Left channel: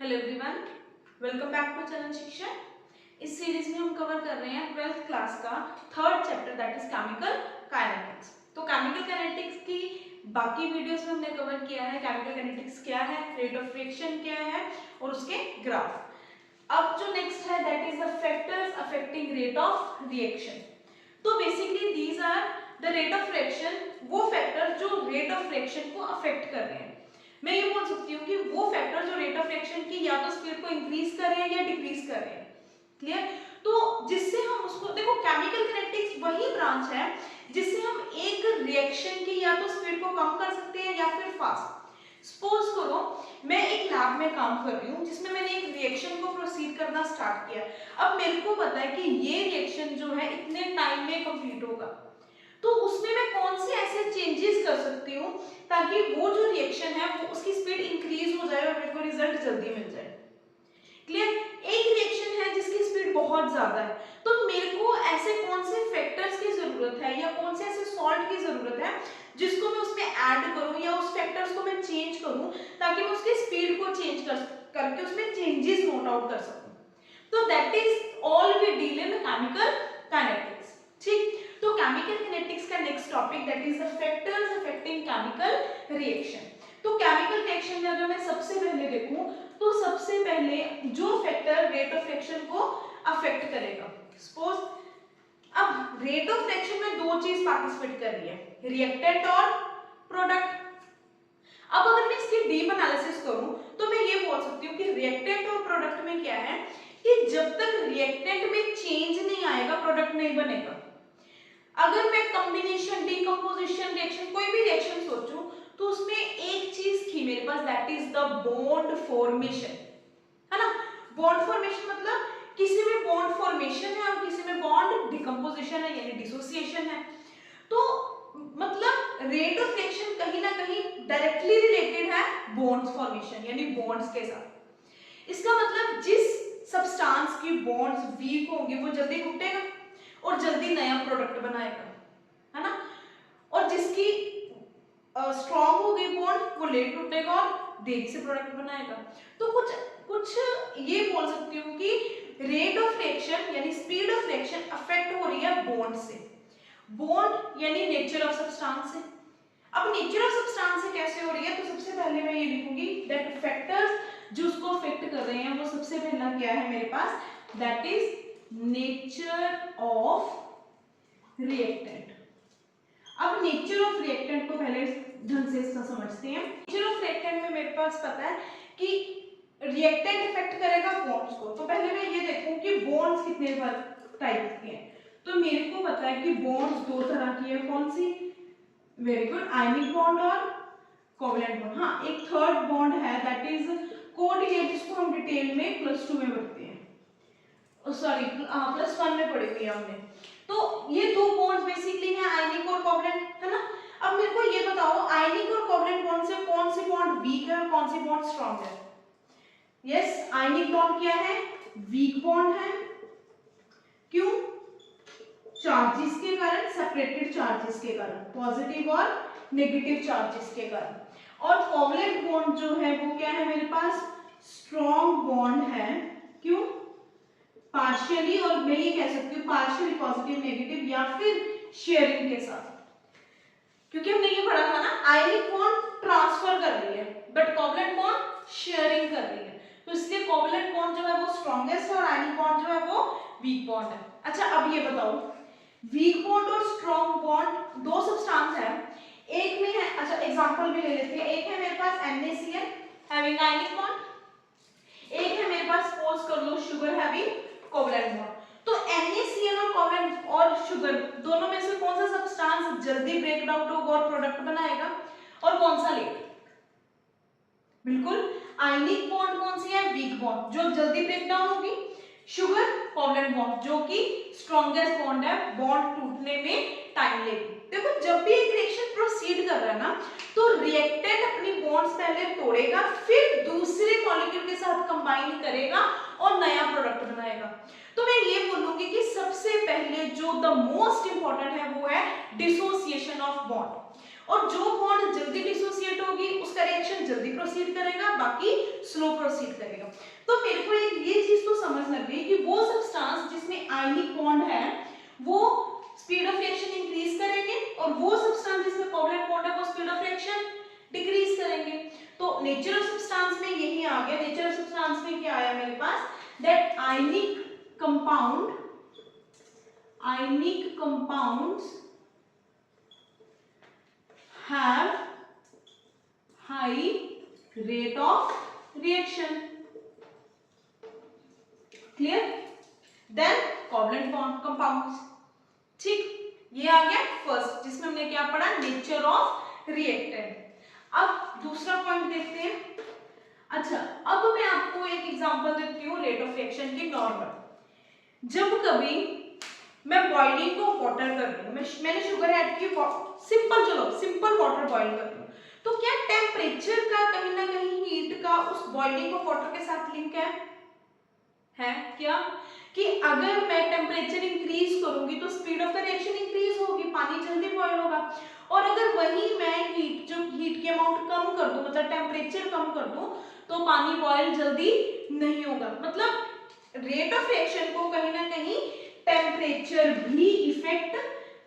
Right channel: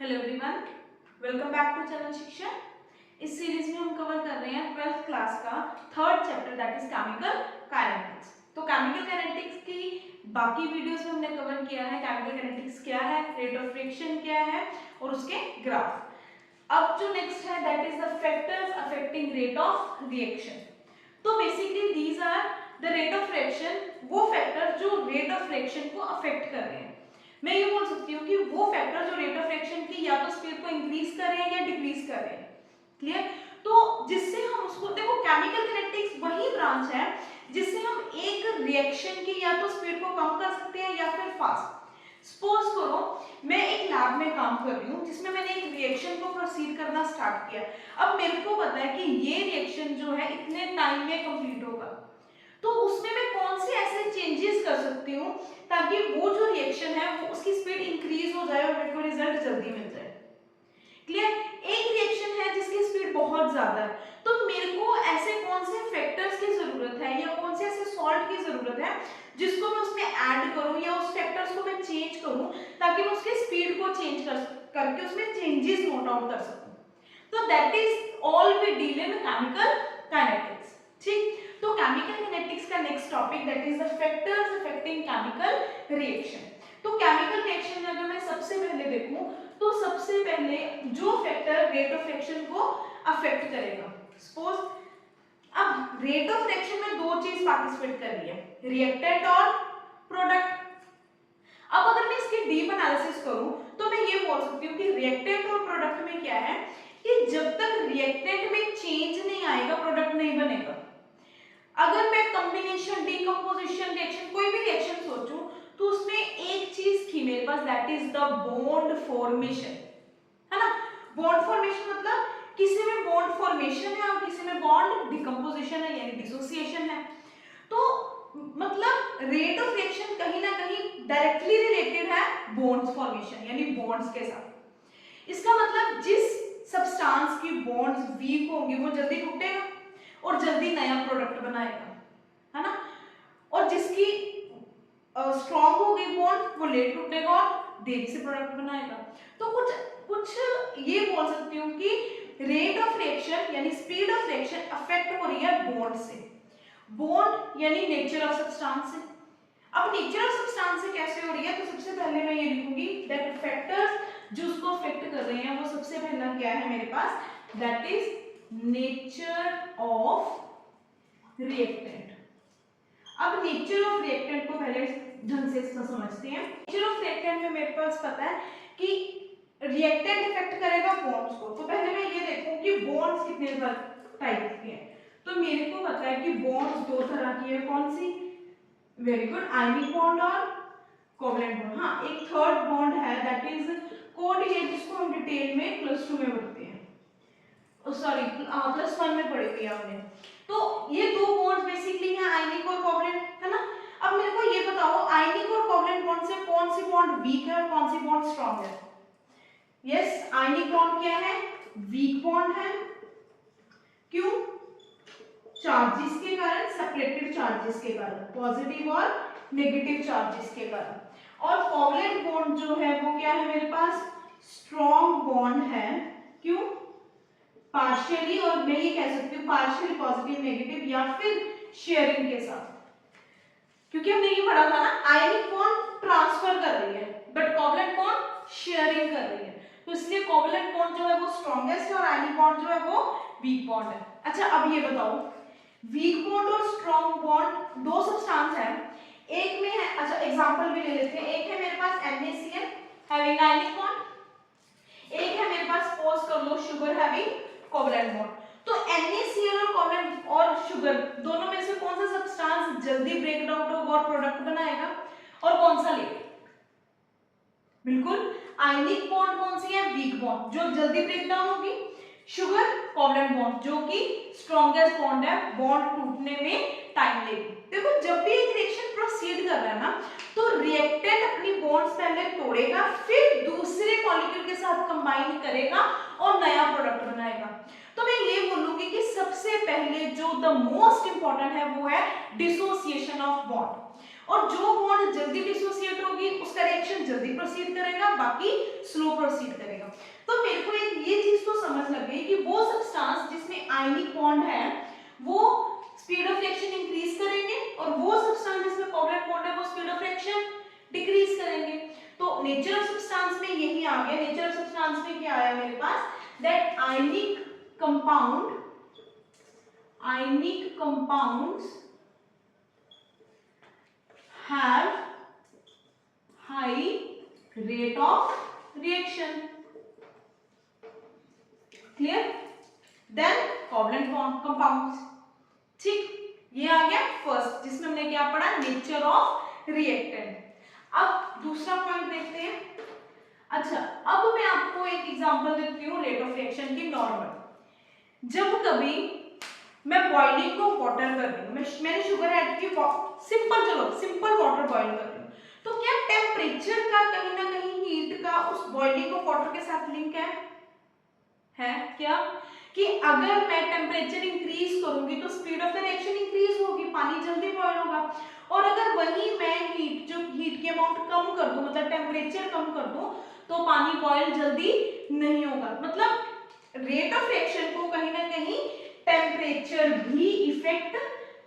Hello everyone, welcome back to Charan Shiksha. इस series में हम कवर कर रहे हैं 12th क्लास का third chapter that is chemical kinetics. तो केमिकल काइनेटिक्स की बाकी वीडियोस में हमने कवर किया है केमिकल काइनेटिक्स क्या है, रेट ऑफ रिएक्शन क्या है और उसके ग्राफ। अब जो नेक्स्ट है that is the factors affecting rate of reaction. तो basically these are the rate of reaction, वो फैक्टर जो रेट ऑफ रिएक्शन को अफेक्ट कर रहे हैं। मैं ये बोल सकती हूँ कि वो फैक्टर जो रेट ऑफ रिएक्शन की या तो स्पीड को इंक्रीज कर रहे हैं या डिक्रीज कर रहे हैं। क्लियर? तो जिससे हम उसको देखो, केमिकल काइनेटिक्स वही ब्रांच है जिससे हम एक रिएक्शन की या तो स्पीड को कम कर सकते हैं या फिर फास्ट। सपोज करो मैं एक लैब में काम कर रही हूँ जिसमें मैंने एक रिएक्शन को प्रोसीड करना स्टार्ट किया। अब मेरे को पता है कि ये रिएक्शन जो है इतने टाइम में कंप्लीट होगा, तो उसमें मैं कौन से ऐसे चेंजेस कर सकती हूँ ताकि वो जो रिएक्शन है वो उसकी स्पीड इंक्रीज हो जाए और मेरे को रिजल्ट जल्दी मिल जाए। क्लियर? एक रिएक्शन है जिसकी स्पीड बहुत ज्यादा है, तो मेरे को ऐसे कौन से फैक्टर्स की जरूरत है या कौन से ऐसे सॉल्ट की जरूरत है जिसको मैं उसमें ऐड करूं या उस फैक्टर्स को मैं चेंज करूं ताकि मैं उसकी स्पीड को चेंज करके उसमें चेंजेस नोट आउट कर सकूं। तो that is all we deal in chemical kinetics. ठीक, तो केमिकल काइनेटिक्स का next topic that is the factors affecting chemical reaction. तो केमिकल रिएक्शन में अगर मैं सबसे पहले देखूं तो सबसे पहले जो फैक्टर रेट ऑफ रिएक्शन को अफेक्ट करेगा, सपोज अब रेट ऑफ रिएक्शन में दो चीज पार्टिसिपेट कर रही है, रिएक्टेंट और प्रोडक्ट। अब अगर मैं इसकी डीप एनालिसिस करूं तो मैं ये बोल सकती हूँ कि रिएक्टेंट और प्रोडक्ट में क्या है कि जब तक रिएक्टेंट में चेंज नहीं आएगा प्रोडक्ट नहीं बनेगा। अगर मैं कॉम्बिनेशन, डीकंपोजिशन रिएक्शन, कोई भी रिएक्शन सोचूं तो उसमें एक चीज थी मेरे पास that is the bond formation, है ना। बॉन्ड फॉर्मेशन मतलब किसी में बॉन्ड फॉर्मेशन है और किसी में बॉन्ड डिकंपोजिशन है यानी डिसोसिएशन है। तो मतलब रेट ऑफ रिएक्शन कहीं ना कहीं डायरेक्टली रिलेटेड है बॉन्ड फॉर्मेशन यानी बॉन्ड्स के साथ। इसका मतलब जिस सब्सटेंस की बॉन्ड्स वीक होंगे वो जल्दी टूटेगा और जल्दी नया प्रोडक्ट बनाएगा, है ना। और जिसकी स्ट्रॉन्ग होगी बॉन्ड वो लेट टूटेगा और देरी से प्रोडक्ट बनाएगा। तो कुछ ये बोल सकती हूँ कि रेट ऑफ रिएक्शन यानी स्पीड ऑफ रिएक्शन अफेक्ट हो रही है बॉन्ड से। बॉन्ड यानी नेचर ऑफ सब्सटेंस से। अब नेचर ऑफ सब्सटेंस से कैसे हो रही है तो सबसे पहले मैं ये लिखूंगी दैट फैक्टर्स जो उसको अफेक्ट कर रहे हैं वो सबसे पहला क्या है मेरे पास that is nature of reactant. अब नेचर ऑफ रिएक्टेंट को पहले ढंग से इसका समझते हैं। नेचर ऑफ रिएक्टेंट में मेरे पास पता है कि रिएक्टेंट इफेक्ट करेगा बॉन्ड्स को। तो पहले मैं ये देखूं कि बॉन्ड्स कितने टाइप के हैं। तो मेरे को पता है कि बॉन्ड्स दो तरह की है, कौन सी? वेरी गुड, आयनिक बॉन्ड और कोवलेंट बॉन्ड। हाँ, एक थर्ड बॉन्ड है दैट इज कोड ये जिसको हम डिटेल में प्लस 2 में पढ़ते हैं, सॉरी प्लस 1 में पढ़ी हुई है हमने। तो ये दो बॉन्ड्स बेसिकली हैं आयनिक और कोवलेंट, है ना। अब मेरे को ये बताओ आयनिक और कोवलेंट बॉन्ड से कौन सी बॉन्ड वीक है और कौन सी बॉन्ड स्ट्रांग है? यस, आयनिक बॉन्ड क्या है? वीक बॉन्ड है। क्यों? चार्जेस के कारण, सेपरेटेड चार्जेस के कारण, पॉजिटिव और नेगेटिव चार्जेस के कारण। और कोवलेंट बॉन्ड जो है वो क्या है मेरे पास? स्ट्रांग बॉन्ड है। क्यों? पार्शियली, और मैं ये कह सकती हूँ पार्शियली पॉजिटिव नेगेटिव या फिर शेयरिंग के साथ। क्योंकि हमने ये पढ़ा था ना, आयनिक बॉन्ड ट्रांसफर कर रही है बट कोवलेंट बॉन्ड शेयरिंग कर रही है। तो इसलिए कोवलेंट बॉन्ड जो है वो स्ट्रॉन्गेस्ट है और आयनिक बॉन्ड जो है वो वीक बॉन्ड है। अच्छा, अब ये बताओ वीक बॉन्ड और स्ट्रॉन्ग बॉन्ड दो सब्सटेंस है, एक में है, अच्छा एग्जांपल भी ले लेते हैं। एक है मेरे पास NaCl हैविंग आयनिक बॉन्ड, एक है मेरे पास सपोज कर low sugar having covalent bond. तो NaCl और कोवलेंट और शुगर दोनों में से कौन सा सब्सटेंस जल्दी ब्रेक डाउन होगा और प्रोडक्ट बनाएगा और कौन सा लेट? बिल्कुल आयनिक बॉन्ड कौन सी है? वीक बॉन्ड जो जल्दी ब्रेक डाउन होगी। शुगर कोवलेंट बॉन्ड जो कि स्ट्रॉन्गेस्ट बॉन्ड है, बॉन्ड टूटने में टाइम लेगी। देखो जब भी एक रिएक्शन प्रोसीड कर रहा है ना तो रिएक्टेंट अपनी बॉन्ड्स पहले तोड़ेगा फिर दूसरे मॉलिक्यूल के साथ कंबाइन करेगा और नया प्रोडक्ट बनाएगा। तो मैं ये बोलूंगी कि सबसे पहले जो द मोस्ट इंपॉर्टेंट है वो है डिसोसिएशन ऑफ बॉन्ड। और जो बॉन्ड जल्दी डिसोसिएट होगी उसका रिएक्शन जल्दी प्रोसीड करेगा, बाकी स्लो प्रोसीड करेगा। तो मेरे को ये चीज तो समझ लग गई कि वो सब्सटेंस जिसमें आयनिक बॉन्ड है वो स्पीड ऑफ रिएक्शन इंक्रीज करेंगे और वो सब्सटेंस जिसमें कोवलेंट बॉन्ड है वो स्पीड ऑफ रिएक्शन डिक्रीज करेंगे। तो नेचर ऑफ सब्सटेंस में यही आ गया। नेचर ऑफ सब्सटेंस में क्या आया मेरे पास, that ionic compounds have high rate of reaction. Clear? Then covalent bond compounds. ठीक, ये आ गया फर्स्ट, जिसमें हमने क्या पढ़ा, नेचर ऑफ रिएक्टेंट। अब दूसरा पॉइंट देखते हैं। अच्छा, अब मैं आपको एक एग्जांपल देती हूँ रेट ऑफ रिएक्शन की नॉर्मल। जब कभी मैं बॉइलिंग को वाटर कर रही हूँ, मैंने शुगर ऐड की, सिंपल वाटर बॉईल कर रही हूँ, तो क्या टेम्परेचर का कहीं ना कहीं हीट का उस बॉइलिंग को वाटर के साथ लिंक है क्या, कि अगर मैं टेम्परेचर इंक्रीज करूंगी तो speed of the reaction increase होगी, पानी जल्दी बॉईल होगा। और अगर वही मैं हीट की अमाउंट कम कर दूं, मतलब टेम्परेचर कम कर दूं, तो पानी बॉईल जल्दी नहीं होगा। मतलब रेट ऑफ रिएक्शन को कहीं ना कहीं टेम्परेचर भी इफेक्ट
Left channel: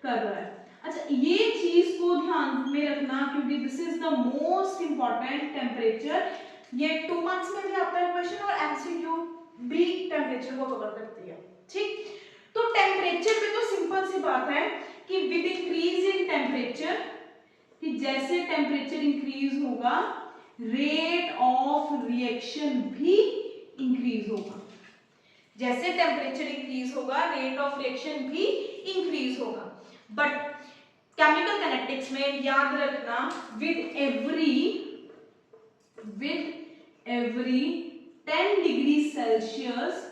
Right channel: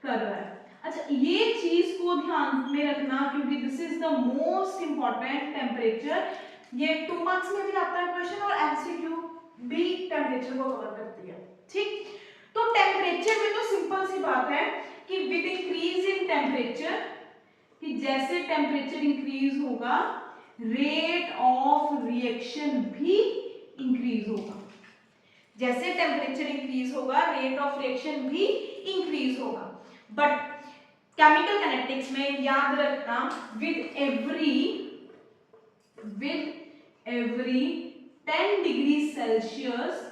कर रहा है। अच्छा, ये चीज को ध्यान में रखना, क्योंकि this is the most important, temperature. ये 2 मार्क्स में भी आता है क्वेश्चन और एमसीक्यू भी टेम्परेचर को कवर करती है। ठीक, तो टेम्परेचर में तो सिंपल सी बात है कि विद इंक्रीज इन टेम्परेचर, कि जैसे टेम्परेचर इंक्रीज होगा रेट ऑफ रिएक्शन भी इंक्रीज होगा। जैसे टेम्परेचर इंक्रीज होगा रेट ऑफ रिएक्शन भी इंक्रीज होगा। बट केमिकल काइनेटिक्स में याद रखना, with every 10 degree Celsius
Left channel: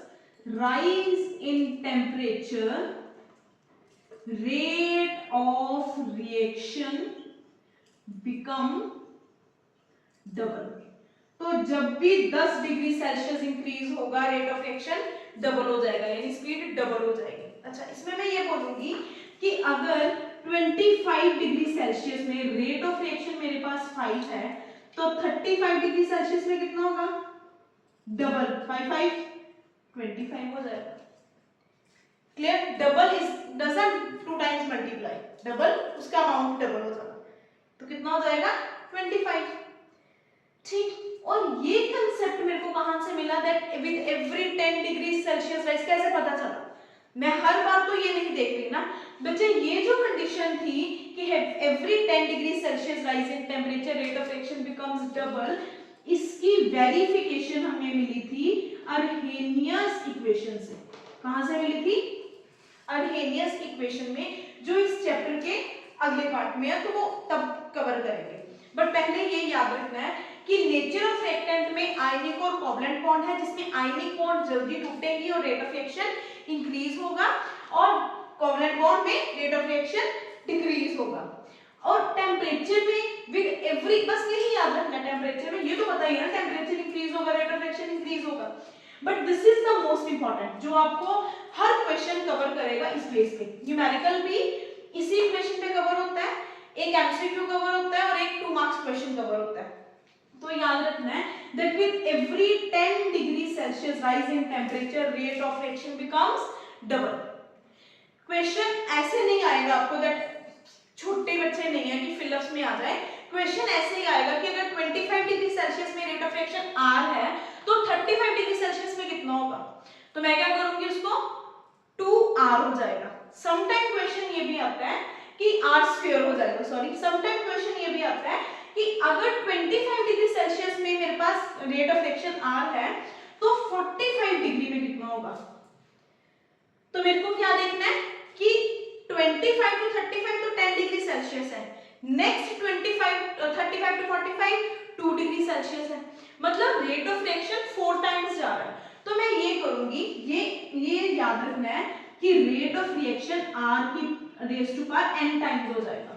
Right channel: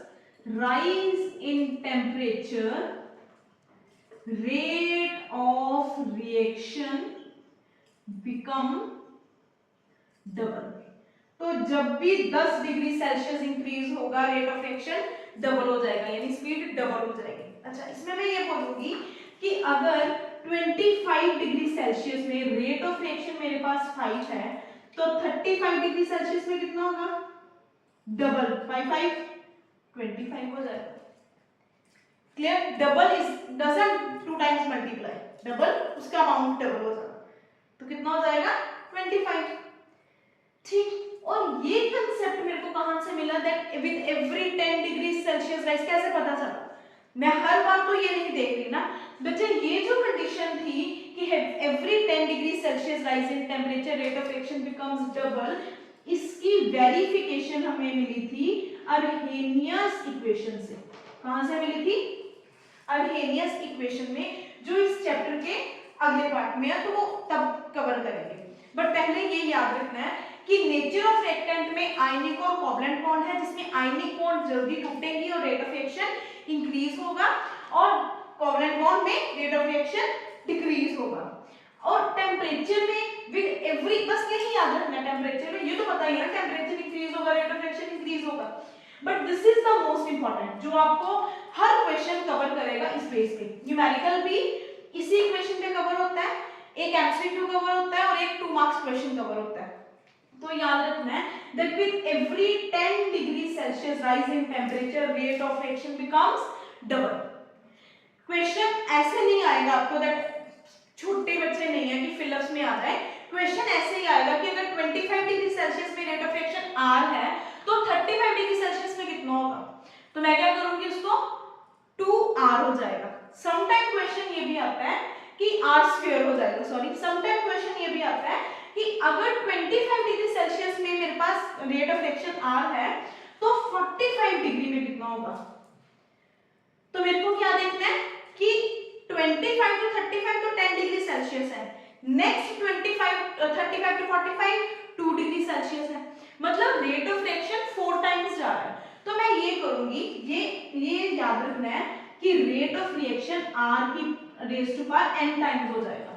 rise in temperature, rate of reaction become double। तो जब भी 10 डिग्री सेल्सियस इंक्रीज होगा रेट ऑफ रिएक्शन डबल हो जाएगा, यानी स्पीड डबल हो जाएगी। अच्छा, इसमें मैं ये बोलूंगी कि अगर 25 डिग्री सेल्सियस में रेट ऑफ रिएक्शन मेरे पास 5 है, तो 35 डिग्री सेल्सियस में कितना होगा, डबल, 5 25 हो जाएगा। Clear? Double is doesn't 2 times multiply, double उसका अमाउंट डबल हो जाएगा, तो कितना हो जाएगा 25। ठीक, और ये कंसेप्ट मेरे को कहां से मिला, that with every 10 degree Celsius rise, कैसे पता चला? मैं हर बार तो ये नहीं देख रही ना बच्चे, ये जो कंडीशन थी कि every 10 degree Celsius rise in temperature rate of reaction becomes double, इसकी वेरिफिकेशन हमें मिली थी अर्हेनियस इक्वेशन से। कहां से मिली थी? अर्हेनियस इक्वेशन में, जो इस चैप्टर के अगले पार्ट में है, तो वो तब कवर करेंगे। बट पहले ये याद रखना है कि नेचर ऑफ रिएक्टेंट में आयनिक और कोवलेंट बॉन्ड है, जिसमें आयनिक बॉन्ड जल्दी टूटेंगी और रेट ऑफ रिएक्शन इंक्रीज होगा, और कोवलेंट बॉन्ड में रेट ऑफ रिएक्शन डिक्रीज होगा। और टेम्परेचर में विद एवरी, बस यही याद रखना, टेम्परेचर में ये तो पता ही है ना, टेम्परेचर इंक्रीज होगा रेट ऑफ रिएक्शन इंक्रीज होगा। But this is the most important, जो आपको हर क्वेश्चन कवर करेगा इस बेस पे। न्यूमेरिकल भी इसी इक्वेशन पे कवर होता है, एक एमसीक्यू कवर होता है और एक 2 मार्क्स क्वेश्चन कवर होता है। तो याद रखना है that with every 10 degree Celsius rise in temperature rate of reaction becomes double. Question ऐसे नहीं आएगा आपको, दैट छोटे बच्चे नहीं है कि फिलअप्स में आ जाए, क्वेश्चन ऐसे ही आएगा कि अगर 25 डिग्री सेल्सियस में रेट ऑफ रिएक्शन R है, तो 35 डिग्री सेल्सियस में कितना होगा? तो मैं क्या करूंगी, उसको 2R हो जाएगा। समटाइम क्वेश्चन ये भी आता है कि R स्क्वायर हो जाएगा, सॉरी, समटाइम क्वेश्चन ये भी आता है कि अगर 25 डिग्री सेल्सियस में मेरे पास रेट ऑफ रिएक्शन R है, तो 45 डिग्री में कितना होगा? तो मेरे को क्या देखना है कि 25 टू 35 तो 10 डिग्री सेल्सियस है, नेक्स्ट 35 टू 45 2 डिग्री सेल्सियस है, मतलब रेट ऑफ रिएक्शन 4 टाइम्स जा रहा है। तो मैं ये करूंगी, ये याद रखना है कि रेट ऑफ रिएक्शन R की raise to power n times हो जाएगा।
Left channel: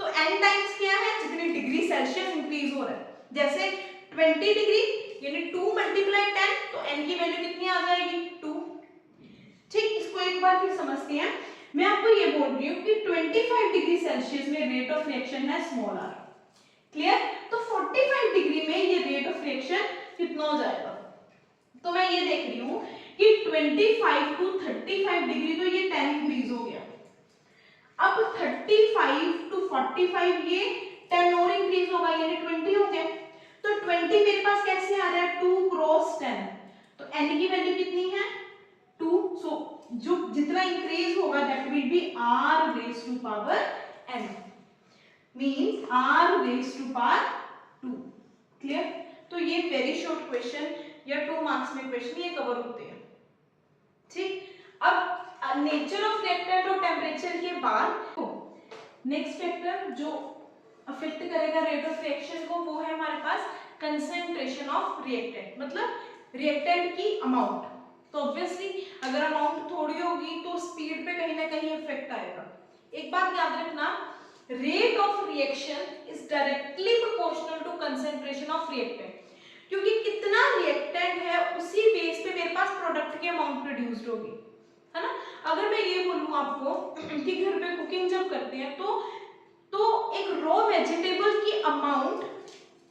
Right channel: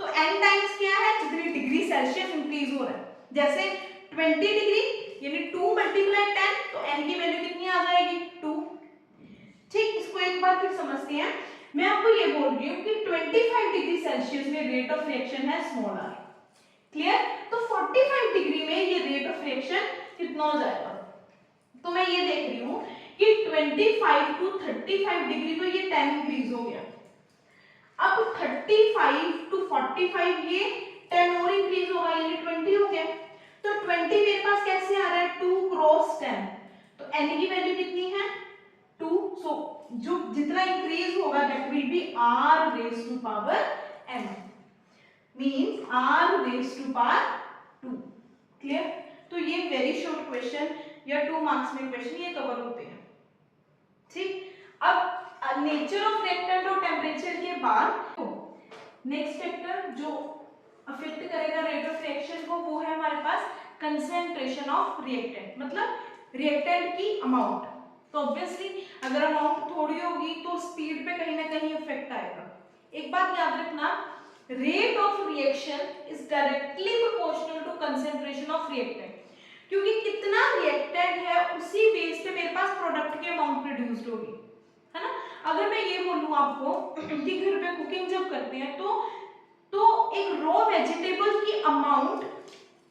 तो n टाइम्स क्या है? जितनी डिग्री सेल्सियस इंक्रीज हो रहा है। जैसे 20 डिग्री यानी 2 मल्टीप्लाई 10, तो n की वैल्यू कितनी आ जाएगी? 2। ठीक, इसको एक बार फिर समझते हैं। मैं आपको ये बोल रही हूँ कि 25 डिग्री सेल्सियस में रेट ऑफ रिएक्शन है स्मॉल r, क्लियर। तो 45 डिग्री में ये रेट ऑफ रिएक्शन कितना हो जाएगा, तो मैं ये देख रही हूँ कि 25 टू 35 डिग्री तो ये 10 इंक्रीज हो गया, अब 35 टू 45 ये 10 और इंक्रीज होगा, यानी 20 हो गया। तो 20 मेरे पास कैसे आ रहा है, 2 क्रॉस 10, तो n की वैल्यू कितनी है 2, सो जो जितना इंक्रीज होगा that will be r raise to power n, means r raise to power 2, clear. तो ये वेरी शॉर्ट क्वेश्चन या 2 मार्क्स में क्वेश्चन ये कवर होते हैं, ठीक। अब नेचर ऑफ रिएक्टेंट और टेम्परेचर के बाद नेक्स्ट फैक्टर जो अफेक्ट करेगा रेट ऑफ रिएक्शन को वो है हमारे पास कंसंट्रेशन ऑफ रिएक्टेंट, मतलब रिएक्टेंट की अमाउंट। तो ऑब्वियसली अगर अमाउंट थोड़ी होगी तो स्पीड पे कहीं ना कहीं इफेक्ट आएगा। एक बात याद रखना, rate of reaction is directly proportional to concentration of reactant, क्योंकि कितना रिएक्टेंट है उसी बेस पे मेरे पास प्रोडक्ट की अमाउंट प्रोड्यूस्ड होगी, है ना। अगर मैं ये बोलूं आपको कि घर पे कुकिंग जब करते हैं तो एक रॉ वेजिटेबल की अमाउंट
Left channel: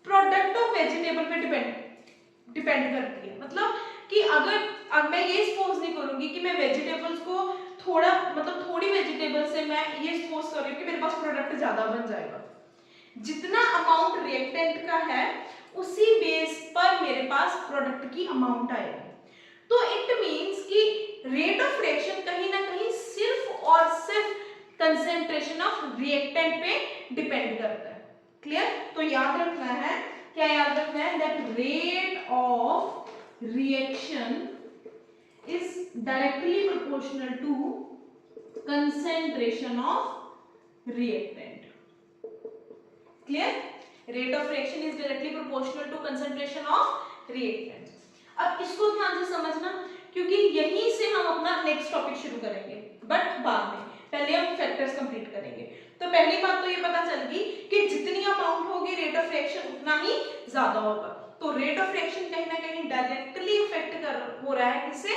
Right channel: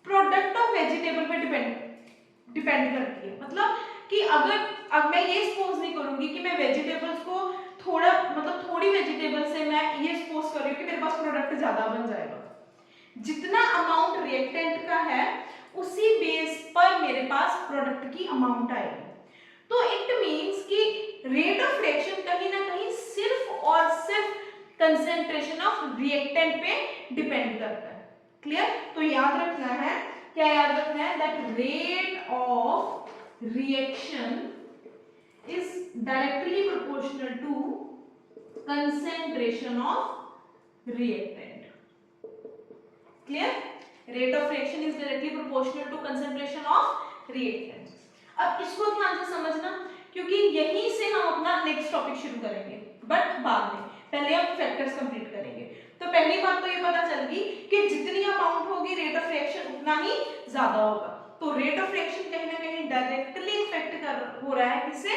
प्रोडक्ट ऑफ वेजिटेबल पे डिपेंड करती है, मतलब कि अगर अब मैं ये सपोज नहीं करूंगी कि मैं वेजिटेबल्स को थोड़ा मतलब थोड़ी वेजिटेबल से मैं ये सपोज कर रही हूँ कि मेरे पास प्रोडक्ट ज्यादा बन जाएगा, जितना अमाउंट रिएक्टेंट का है उसी बेस पर मेरे पास प्रोडक्ट की अमाउंट आएगी। तो इट मींस कि रेट ऑफ रिएक्शन कहीं ना कहीं सिर्फ और सिर्फ कंसंट्रेशन ऑफ रिएक्टेंट पे डिपेंड करता है, क्लियर। तो याद रखना है, क्या याद रखना है, that rate of reaction is directly proportional to concentration of reactant, clear. Rate of reaction is directly proportional to concentration of reactant. अब इसको ध्यान से समझना, क्योंकि यहीं से हम अपना नेक्स्ट टॉपिक शुरू करेंगे, बट बाद में पहले हम फैक्टर्स कंप्लीट करेंगे। तो पहली बात तो ये पता चल गई कि जितनी अमाउंट होगी रेट ऑफ रिएक्शन उतना ही ज्यादा होगा। तो रेट ऑफ रिएक्शन कहीं ना कहीं डायरेक्टली इफेक्ट हो रहा है किससे,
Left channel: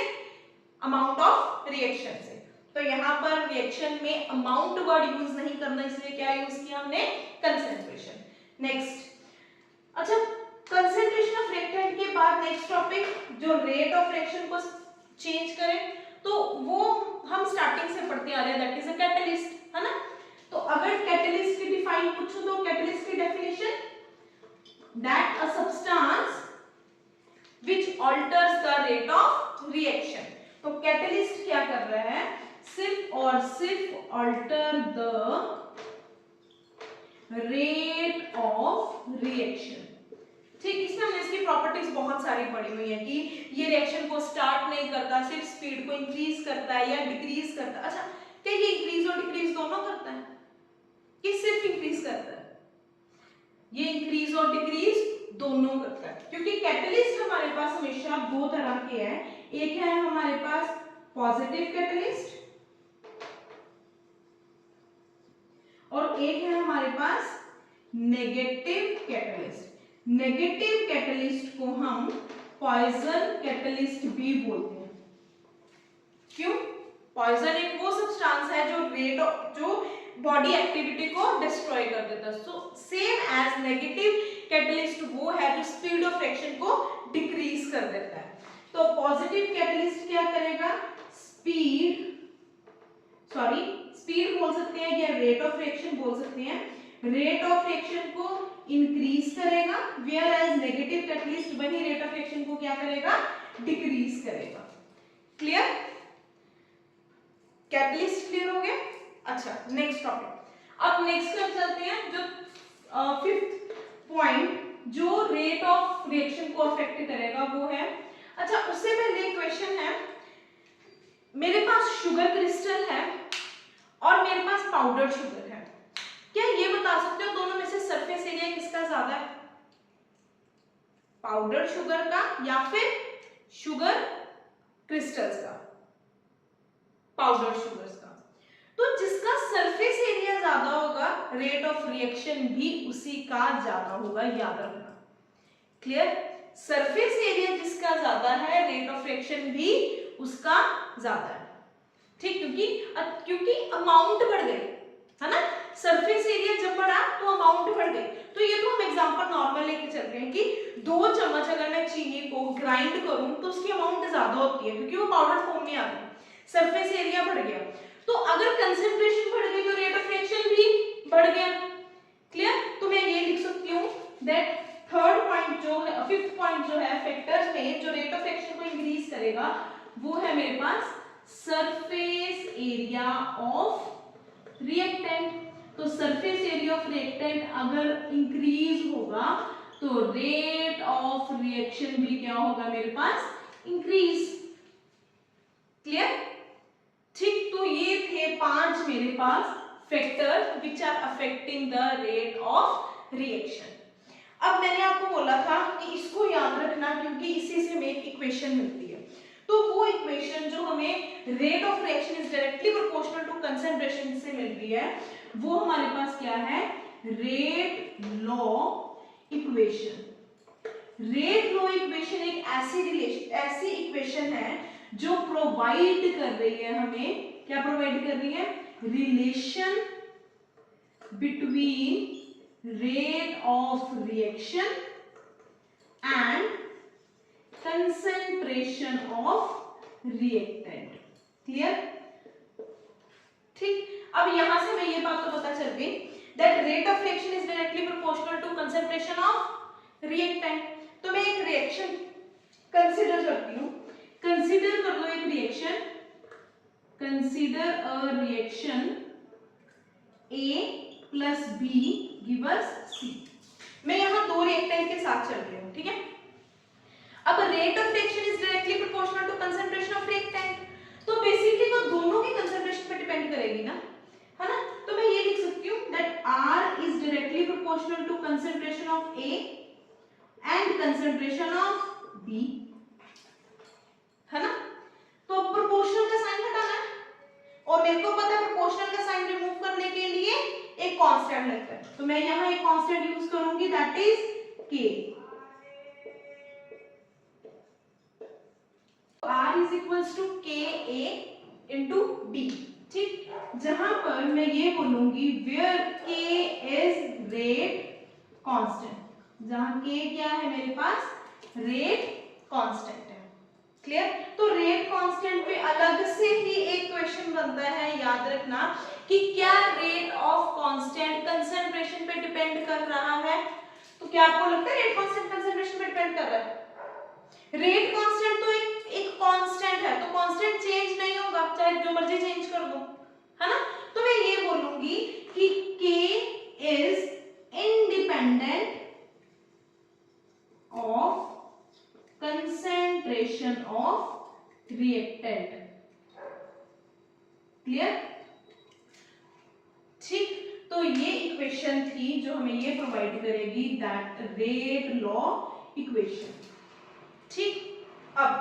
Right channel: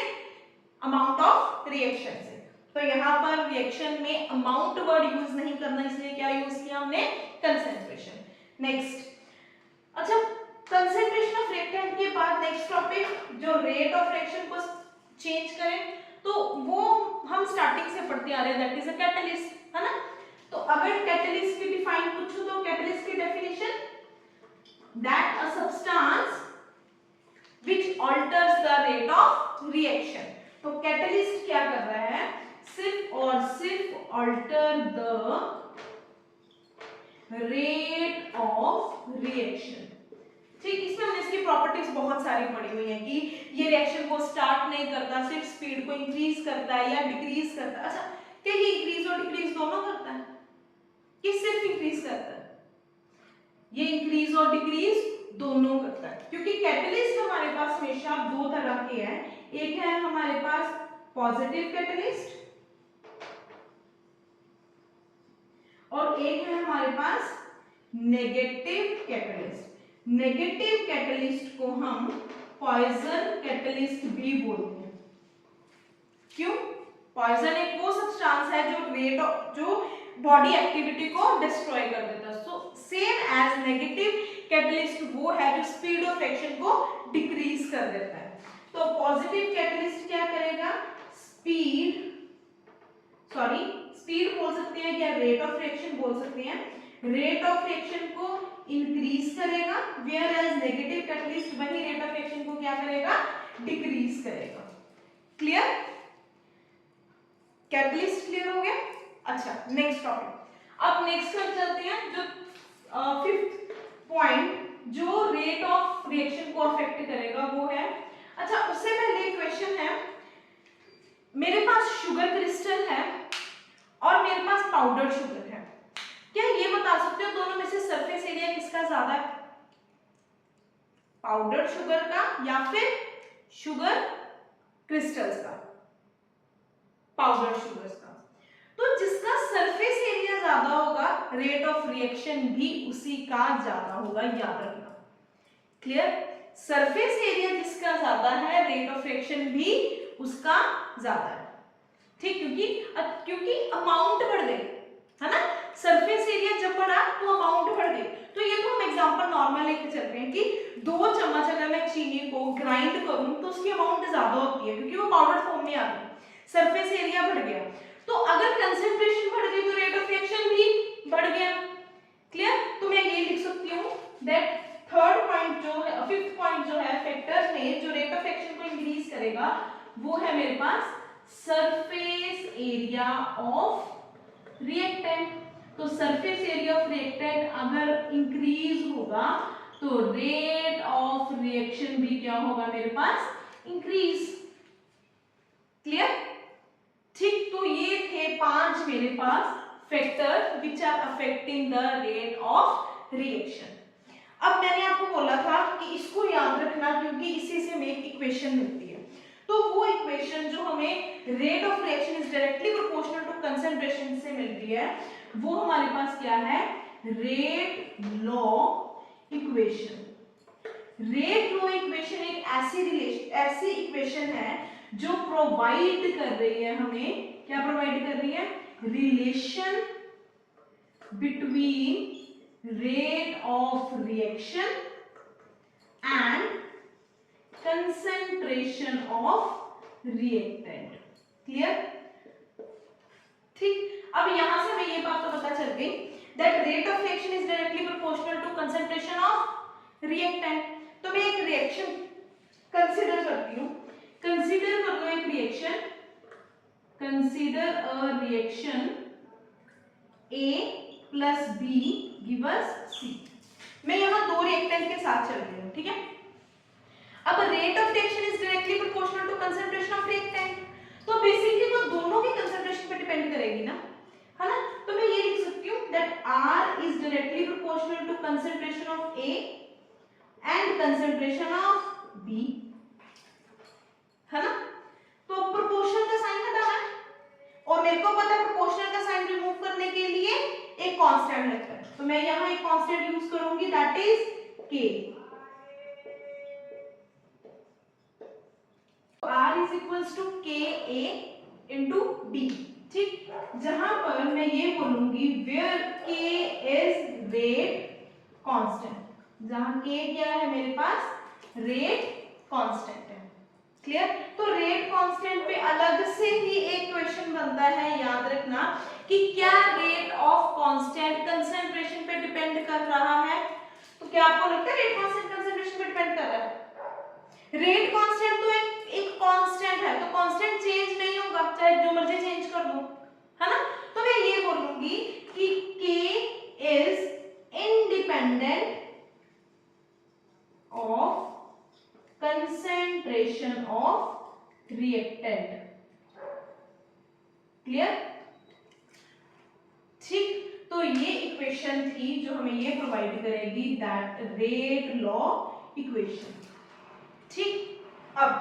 अमाउंट ऑफ रिएक्शन से। तो यहाँ पर रिएक्शन में अमाउंट वर्ड यूज नहीं करना, इसलिए क्या यूज किया हमने, कंसंट्रेशन। नेक्स्ट, अच्छा कंसंट्रेशन ऑफ रिएक्टेंट के बाद नेक्स्ट टॉपिक जो रेट ऑफ रिएक्शन को चेंज करें, तो वो हम स्टार्टिंग से पढ़ते आ रहे हैं, दैट इज अ कैटलिस्ट, है ना। तो अगर कैटलिस्ट की डिफाइन पूछूं तो कैटलिस्ट की definition, that a substance which altars the rate of reaction. तो कैटलिस्ट क्या कर रहा है, सिर्फ और सिर्फ alter the rate of reaction, ठीक। इसमें हमने इसकी प्रॉपर्टीज बहुत सारी पढ़ी हुई है कि ये रिएक्शन को स्टार्ट नहीं करता, सिर्फ स्पीड को इंक्रीज करता है या डिक्रीज करता है। अच्छा, क्या ये इंक्रीज और डिक्रीज दोनों करता है कि सिर्फ इंक्रीज करता है, ये इंक्रीज और डिक्रीज दोनों करता है, क्योंकि कैटलिस्ट हमारे पास हमेशा दो तरह के हैं। एक है हमारे पास पॉजिटिव कैटलिस्ट और एक है हमारे पास नेगेटिव कैटलिस्ट। नेगेटिव कैटलिस्ट को हम पॉइजन कैटलिस्ट भी बोलते हैं। क्यों? पॉइजन एक वो सब्सटेंस है जो बॉडी एक्टिविटी को डिस्ट्रॉय कर देता है। So same as negative catalyst वो है जो स्पीड ऑफ रिएक्शन को डिक्रीज कर देता है। तो पॉजिटिव कैटलिस्ट क्या करेगा, स्पीड बोल सकते हैं या रेट ऑफ रिएक्शन बोल सकते हैं, रेट ऑफ रिएक्शन को इंक्रीज करेगा, वेयर एज नेगेटिव कैटलिस्ट वही रेट ऑफ रिएक्शन को क्या करेगा, डिक्रीज करेगा। क्लियर? कैटलिस्ट क्लियर हो गया। अच्छा, नेक्स्ट टॉपिक। अब नेक्स्ट कर चलते हैं जो फिफ्थ पॉइंट जो रेट ऑफ रिएक्शन को अफेक्ट करेगा वो है, अच्छा उससे पहले क्वेश्चन है, मेरे पास शुगर क्रिस्टल है और मेरे पास पाउडर शुगर है, क्या ये बता सकते हो दोनों में से सरफेस एरिया किसका ज्यादा है, पाउडर शुगर का या फिर शुगर क्रिस्टल्स का, पाउडर शुगर्स का। तो जिसका सरफेस एरिया ज्यादा होगा रेट ऑफ रिएक्शन भी उसी का ज्यादा होगा, याद रखना। क्लियर? सरफेस एरिया जिसका ज्यादा है रेट ऑफ रिएक्शन भी उसका ज्यादा है। ठीक, क्योंकि अमाउंट बढ़ गई है ना, सरफेस एरिया जब बढ़ा तो अमाउंट बढ़ गई। तो ये तो हम एग्जांपल नॉर्मल लेके चलते हैं कि 2 चम्मच अगर मैं चीनी को ग्राइंड करूं तो उसकी अमाउंट ज्यादा होती है क्योंकि वो पाउडर फॉर्म में आ गई, सरफेस एरिया बढ़ गया। तो अगर कंसंट्रेशन बढ़ गई तो रेट ऑफ रिएक्शन भी बढ़ गया। क्लियर? तो मैं ये लिख सकती हूँ दैट थर्ड पॉइंट जो है, फिफ्थ पॉइंट जो है फैक्टर्स में जो रेट ऑफ रिएक्शन को इंक्रीज करेगा वो है मेरे पास सरफेस एरिया ऑफ रिएक्टेंट। तो सरफेस एरिया ऑफ रिएक्टेंट अगर इंक्रीज होगा तो रेट ऑफ रिएक्शन भी क्या होगा मेरे पास, इंक्रीज। क्लियर? ठीक, तो ये थे 5 मेरे पास factors which are affecting the rate of reaction. अब मैंने आपको बोला था कि इसको याद रखना क्योंकि इसी से हमें एक इक्वेशन मिलती है। तो वो इक्वेशन जो हमें rate of reaction is directly proportional to concentration से मिलती है वो हमारे पास क्या है, rate law equation. Rate law equation एक ऐसी इक्वेशन है जो प्रोवाइड कर रही है हमें, क्या प्रोवाइड कर रही है, relation between rate of reaction and concentration of reactant. Clear? ठीक, अब यहां से मैं ये बात तो पता चल गई that rate of reaction is directly proportional to concentration of reactant. तो मैं एक रिएक्शन कंसीडर करती हूँ, कंसीडर कर लो एक reaction, consider a reaction A plus B gives C। मैं यहाँ 2 रिएक्टेंट के साथ चल रही हूँ, ठीक है। अब rate of reaction is directly proportional to concentration of reactant, तो बेसिकली वो दोनों की कंसंट्रेशन पे डिपेंड करेगी ना, है ना। तो मैं ये लिख सकती हूँ that R is directly proportional to concentration of A and concentration of B, है ना। तो प्रोपोर्शनल का साइन हटाना है और मेरे को पता है प्रोपोर्शनल का साइन रिमूव करने के लिए एक कांस्टेंट लगता है, तो मैं यहाँ एक कांस्टेंट यूज करूंगी that is K। R is equals to KA into B, ठीक। जहां पर मैं ये बोलूंगी where K is rate constant, जहां K क्या है मेरे पास, रेट कांस्टेंट है। क्लियर? तो रेट कांस्टेंट पे अलग से ही एक क्वेश्चन बनता है, याद रखना कि क्या रेट ऑफ कांस्टेंट कंसंट्रेशन पे डिपेंड कर रहा है। तो क्या आपको लगता है रेट कांस्टेंट कंसंट्रेशन पे डिपेंड कर रहा है? रेट कांस्टेंट तो एक कांस्टेंट है, तो कांस्टेंट चेंज नहीं होगा चाहे जो मर्जी चेंज कर दो, है ना। तो मैं ये बोलूंगी कि K is independent of concentration of reactant. Clear? ठीक, तो ये इक्वेशन थी जो हमें ये प्रोवाइड करेगी दैट रेट लॉ इक्वेशन। ठीक, अब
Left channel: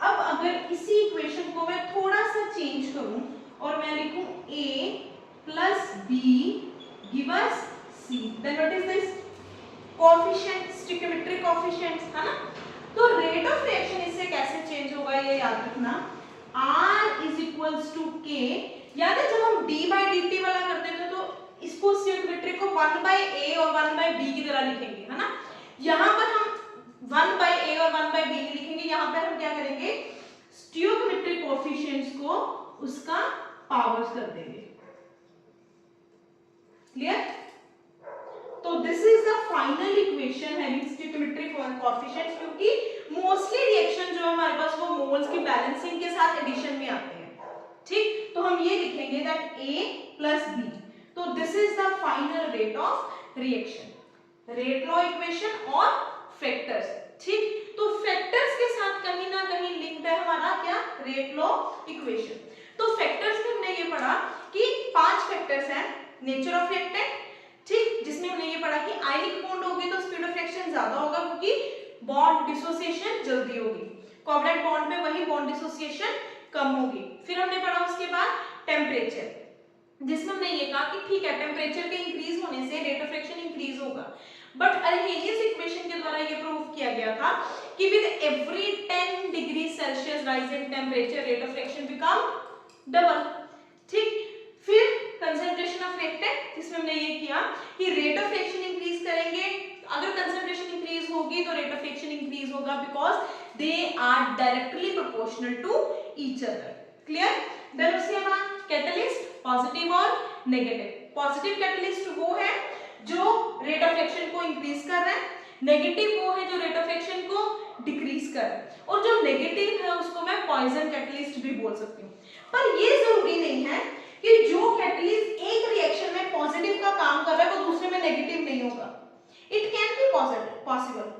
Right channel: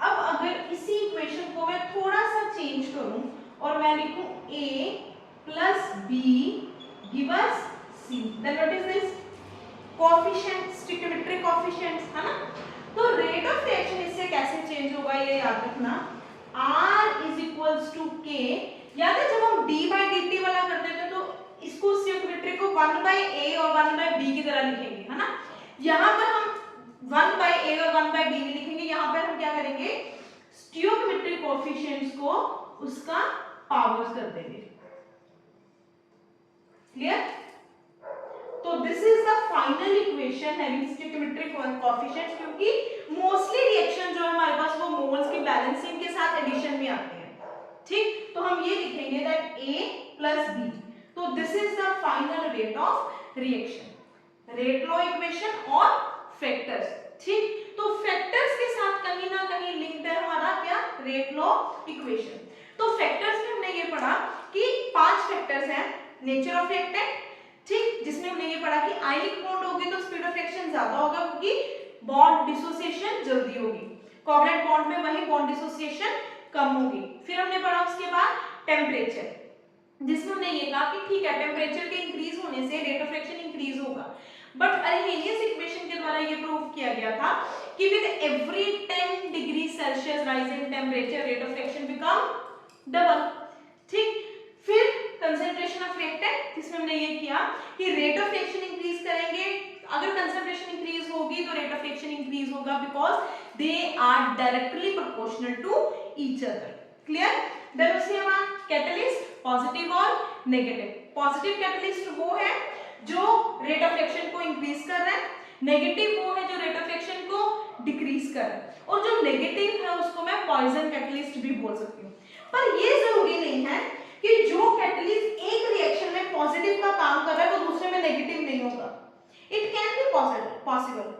अगर इसी इक्वेशन को मैं थोड़ा सा चेंज करूं और मैं लिखूं A plus B gives C, then what is this, coefficient, stoichiometric coefficient, है ना। तो रेट ऑफ रिएक्शन इससे कैसे चेंज होगा ये याद रखना, R is equals to K। याद है जब हम d बाई dt वाला करते थे तो इसको स्टोइकियोमेट्रिक को 1 बाई A और 1 बाई B की तरह लिखेंगे, है ना। यहाँ पर हम 1 बाई A और 1 बाई B लिखेंगे, यहाँ पर हम क्या करेंगे, स्टोइकियोमेट्रिक कोएफिशिएंट्स को उसका पावर्स कर देंगे। क्लियर? तो this is the final equation having stoichiometric coefficients, क्योंकि मोस्टली रिएक्शन जो हमारे पास वो मोल्स की बैलेंसिंग के साथ एडिशन में आते हैं। ठीक, तो हम ये लिखेंगे दैट A प्लस B, तो this is the final rate of reaction, rate law equation और फैक्टर्स। ठीक, तो फैक्टर्स के साथ कहीं ना कहीं लिंक्ड है हमारा क्या, रेट लॉ इक्वेशन। तो फैक्टर्स में हमने ये पढ़ा कि 5 फैक्टर्स हैं, नेचर ऑफ रिएक्टेंट, ठीक, जिसमें हमने ये पढ़ा कि आयनिक बॉन्ड होगी तो स्पीड ऑफ रिएक्शन ज्यादा होगा क्योंकि बॉन्ड डिसोसिएशन जल्दी होगी, कोवलेंट बॉन्ड में वही बॉन्ड डिसोसिएशन कम होगी। फिर हमने पढ़ा उसके बाद टेम्परेचर, जिसमें हमने ये कहा कि ठीक है टेम्परेचर के इंक्रीज होने से रेट ऑफ रिएक्शन इंक्रीज होगा, बट अरहेनियस इक्वेशन के द्वारा ये प्रूव किया गया था कि with every 10 degree Celsius rise in temperature rate of reaction become double. ठीक, फिर कंसंट्रेशन ऑफ रिएक्टेंट, इसमें हमने ये किया कि रेट ऑफ रिएक्शन इंक्रीज करेंगे, अगर कंसंट्रेशन इंक्रीज होगी तो रेट ऑफ रिएक्शन इंक्रीज होगा, because they are directly proportional to each other. Clear? Then उसके बाद कैटलिस्ट, पॉजिटिव और नेगेटिव। पॉजिटिव कैटलिस्ट वो है जो रेट ऑफ रिएक्शन को इंक्रीज कर रहा है, नेगेटिव वो है जो रेट ऑफ रिएक्शन को डिक्रीज कर रहा है, और जो नेगेटिव है उसको मैं पॉइजन कैटलिस्ट भी बोल सकती हूँ। पर ये जरूरी नहीं है कि जो कैटलिस्ट एक रिएक्शन में पॉजिटिव का काम कर रहा है वो दूसरे में नेगेटिव नहीं होगा। It can be possible.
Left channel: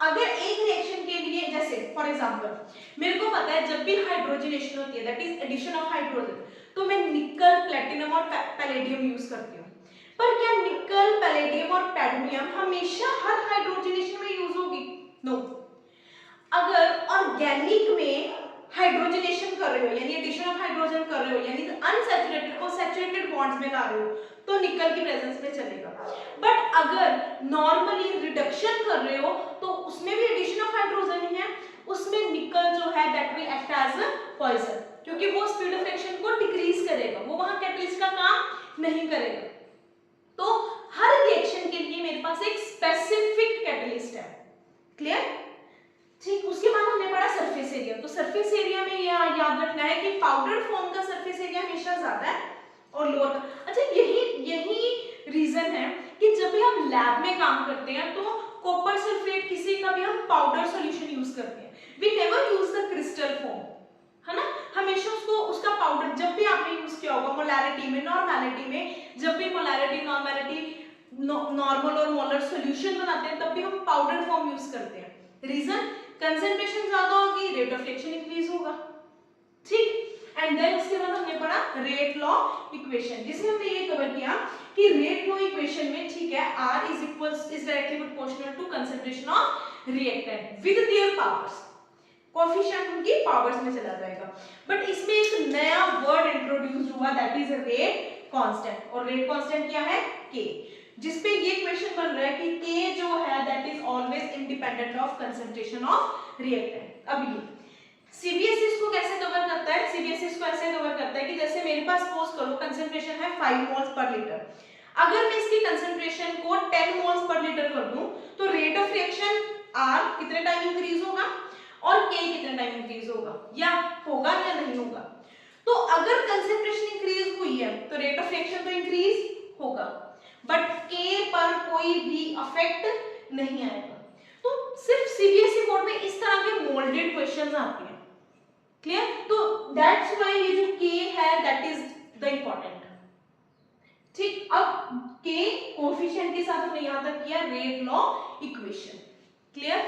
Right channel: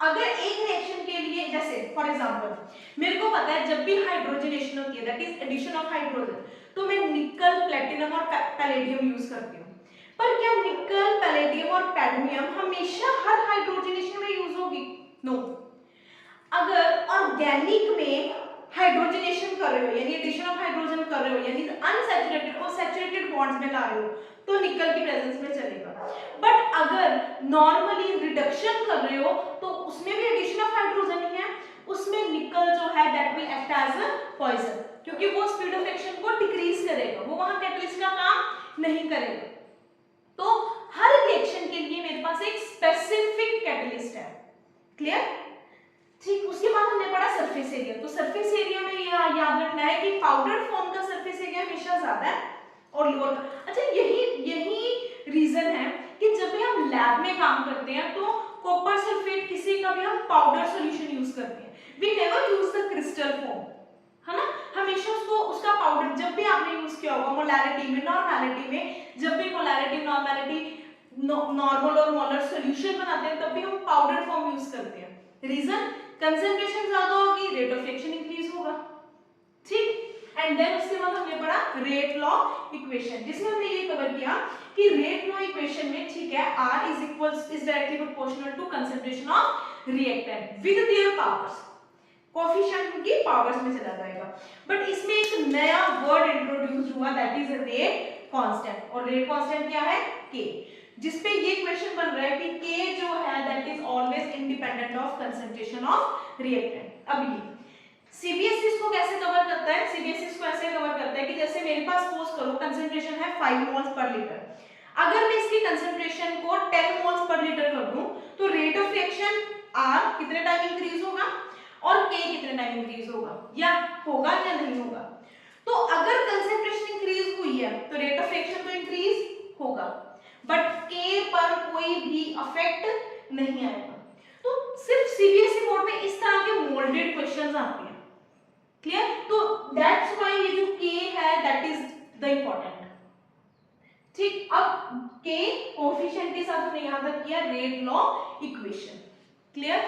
अगर एक रिएक्शन के लिए, जैसे फॉर एग्जांपल मेरे को पता है जब भी हाइड्रोजनेशन होती है, that is addition of hydrogen, तो मैं निकल, प्लेटिनम और पैलेडियम यूज करती हूँ। पर क्या निकल, पैलेडियम और पैडमियम हमेशा हर हाइड्रोजनेशन में यूज होगी? नो। अगर ऑर्गेनिक में हाइड्रोजनेशन कर रहे हो, यानी एडिशन ऑफ हाइड्रोजन कर रहे हो, यानी अनसैचुरेटेड को सैचुरेटेड बॉन्ड्स में ला रहे हो, तो निकल की प्रेजेंस में चलेगा। बट अगर नॉर्मली रिडक्शन कर रहे हो तो उसमें भी एडिशन ऑफ हाइड्रोजन ही है, उसमें निकल जो है that will act as a poison, क्योंकि वो स्पीड ऑफ रिएक्शन को डिक्रीज करेगा, वो वहां कैटलिस्ट का काम नहीं करेगा। तो हर रिएक्शन के लिए मेरे पास एक स्पेसिफिक कैटलिस्ट है। क्लियर? ठीक, उसके बाद हमने पढ़ा सरफेस एरिया। तो सरफेस एरिया में याद रखना है कि पाउडर फॉर्म का सरफेस एरिया हमेशा ज्यादा है और लोअर का। अच्छा, यही रीजन है कि जब भी हम लैब में काम करते हैं तो कॉपर सल्फेट किसी का भी हम पाउडर सॉल्यूशन यूज करते हैं, we never use the crystal form, है ना। हमेशा उसका पाउडर, जब भी आपने यूज किया होगा मोलैरिटी में, नॉर्मैलिटी में, जब भी मोलैरिटी, नॉर्मैलिटी, नॉर्मल और मोलर सॉल्यूशन बनाते हैं तब भी हम पाउडर फॉर्म यूज करते हैं। रीजन, कंसंट्रेशन ज्यादा होगी, रेट ऑफ रिएक्शन इंक्रीज होगा। ठीक, एंड देन उसके बाद हमने पढ़ा रेट लॉ इक्वेशन, जिसमें हमने ये कवर किया कि रेट लॉ इक्वेशन में, ठीक है, R is directly proportional to concentration of reactant with their powers, coefficient उनकी पावर्स में चला जाएगा। बट इसमें एक नया वर्ड इंट्रोड्यूस हुआ, दैट इज रेट कांस्टेंट। और रेट कांस्टेंट क्या है? K, जिसपे ये क्वेश्चन बन रहा है कि K जो है that is always independent of concentration of reactant. अब ये सीबीएसई इसको कैसे कवर करता है? सीबीएसई इसको ऐसे कवर करता है कि जैसे मेरे पास सपोज करो कंसंट्रेशन है 5 मोल्स पर लीटर, अगर मैं इसकी कंसंट्रेशन को 10 मोल्स पर लीटर कर दूं तो रेट ऑफ रिएक्शन R कितने टाइम इंक्रीज होगा और K कितने टाइम इंक्रीज होगा, या नहीं होगा? तो अगर कंसंट्रेशन इंक्रीज हुई है तो रेट ऑफ रिएक्शन तो इंक्रीज होगा, बट K पर कोई भी इफेक्ट नहीं आएगा। तो सिर्फ सीबीएसई बोर्ड में इस तरह के मोल्डेड क्वेश्चंस आते हैं। क्लियर? तो दैट्स व्हाई ये जो K है दैट इज द इंपॉर्टेंट। ठीक, अब K कोएफिशिएंट के साथ हमने यहां तक किया रेट लॉ इक्वेशन। क्लियर?